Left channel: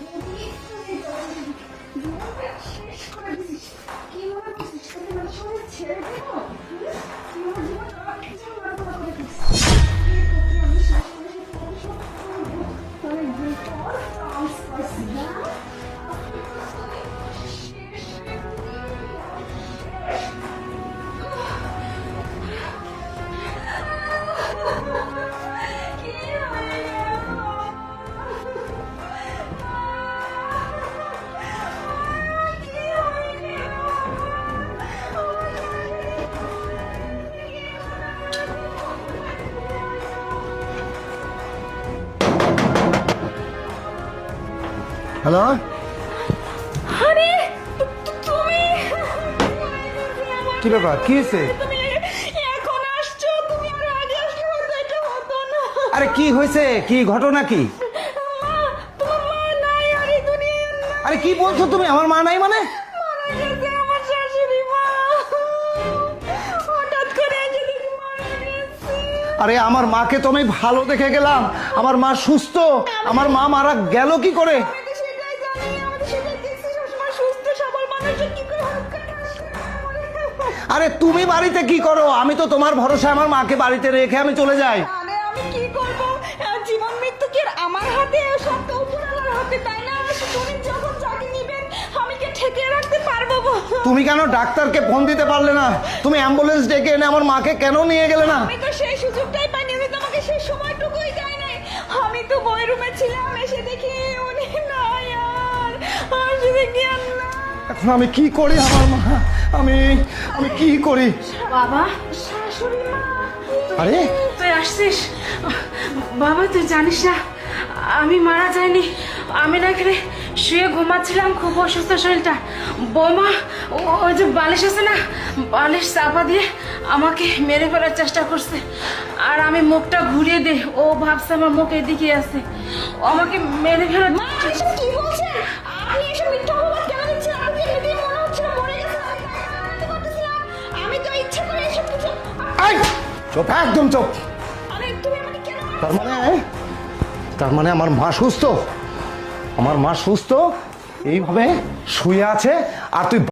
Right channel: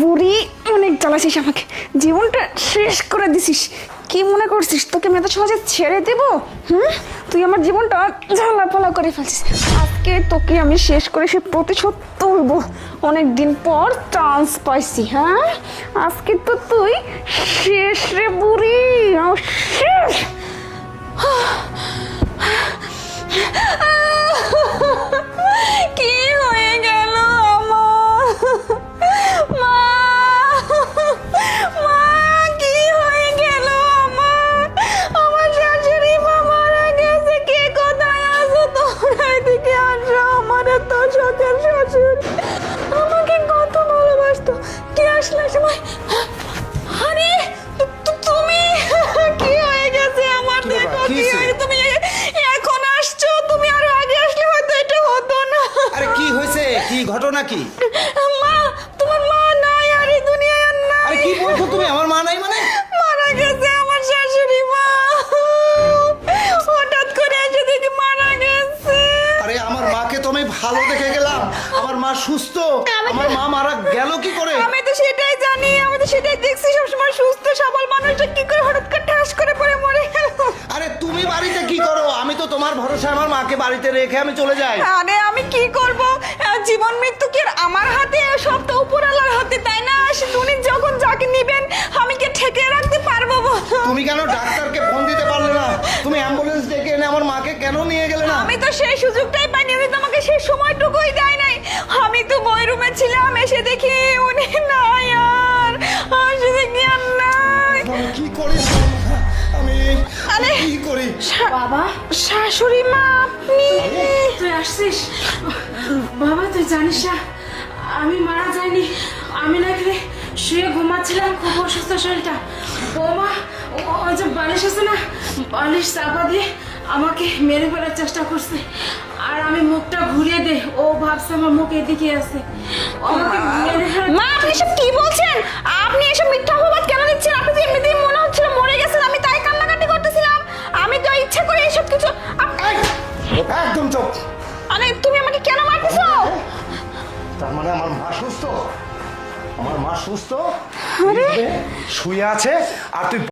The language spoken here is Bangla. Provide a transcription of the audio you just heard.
বুড়ি অনেক জ্বালাছিস আমাকে, জীবনটা শেষ করে দিছিস। কি মনে করছিস তোকে আমি এত সহজে ছেড়ে দেবো? তুই আমার জীবনটা ঝালাপালা করে ফেলছিস। আজকে তোকে আমি শেষ করে সে প্রতিশোধ তুলবো। অনেক দিন পর চান্স পাইছি। হ্যাঁ, আজকে তো তুই শেষ রে বুড়ি, শেষ। কি হয়ে গেল আমার? মা, মা, কি হয়ে গেল আমার? আমার শাশুড়ি মা মারা গেছে। কে কোথায় আছো তোমরা? এদিকে আসো। আমার এত শখের শাশুড়ি আমাকে কত ভালোবাসতো। কে আসলো সময়? আরে তুমি কি হয়ে গেছে আমার? কি ব্যাপার? কি হয়েছে? তুমি এখন আসছো, তুমি আরো আগে আসলে হয়তো এটা হতো না। আরে কি হয়েছে? কি ঘটনা কি? মা, তোমার মা নাই আর এই দুনিয়ায় আর নাই। আরে কি বলছো তুমি? আমার মা নাই মানে? মারা গেছে আমার শাশুড়ি মা। হঠাৎ করে এসে দেখি মারা গেছে। আরে আমার মাকে তো আমি ভালো দেখে গেলাম, আমার মা সুস্থ, আমার মা মারা গেল কি করে? আমি তো সেটাই জানি, আমি তো সেটাই দেখছি সবসময় সুস্থ সবল মানুষটা কি করে হঠাৎ করে ঠাস করে পড়ে মরে গেল। আরে তুমি বাড়িতে কি করো? আমি তো তোমার ভরসা আমার মাকে বাড়িতে রেখে আমি চলে যাই। আরে আমি কি করব? জীবন মৃত্যু কি আর আমার হাতে? সব তো উপরওয়ালার হাতে, তাই না? উনি যখন যাকে নিবেন আমি কি ঠেকিয়ে রাখতে পারবো? তুমি কেন ডাক্তারকে ফোন দিতে পারলে না? তুমি অ্যাম্বুলেন্স ডেকে এনে আমার মাকে কেন নিয়ে গেলে না? আমি তো সেই সুযোগটাই পাইনি, উনি তো আমাকে সেই সময়টুকুই দেয় নাই। আমি তো বই রুমে ছিলাম, এসে দেখি উনি নাই আর। এসে দেখি আর নাই। আমি কি করি? আমি কি করি? বাবা, শাশুড়ি মা আপনি? আরে তুই আসছিস? বাবা, তুই জানিস না আমি মারা যাইনি। আমি না এখানে শুয়ে ঘুমাচ্ছিলাম, খুব অসুস্থ শরীরটা। বৌমা ওই যে বালিশ আছে না, বালিশ চাপা দিয়ে আমাকে মেরে ফেলার চেষ্টা করছে। আর আমি মুখটা ঘুরিয়ে দে, ও ভাবছে আমার মুখ এদিকে আছে, আমাকে মেরে ফেলার। মা, আপনি এসব কি বলছেন? আপনি এসব মিথ্যা অপবাদ কেন দিচ্ছেন? আপনি তো এমনিতেই মনে হচ্ছিল মরে গেছেন, আমি তাই কান্নাকাটি করতেছিলাম। আমি তো ইচ্ছা করে এইসব কিছু। এই, একদম চুপ। আরে তুমি আমাকে কেন মারছো? তার মানে আমার মা সুস্থ? আমার মা সুস্থ এইভাবে শুয়ে আছে আর তুই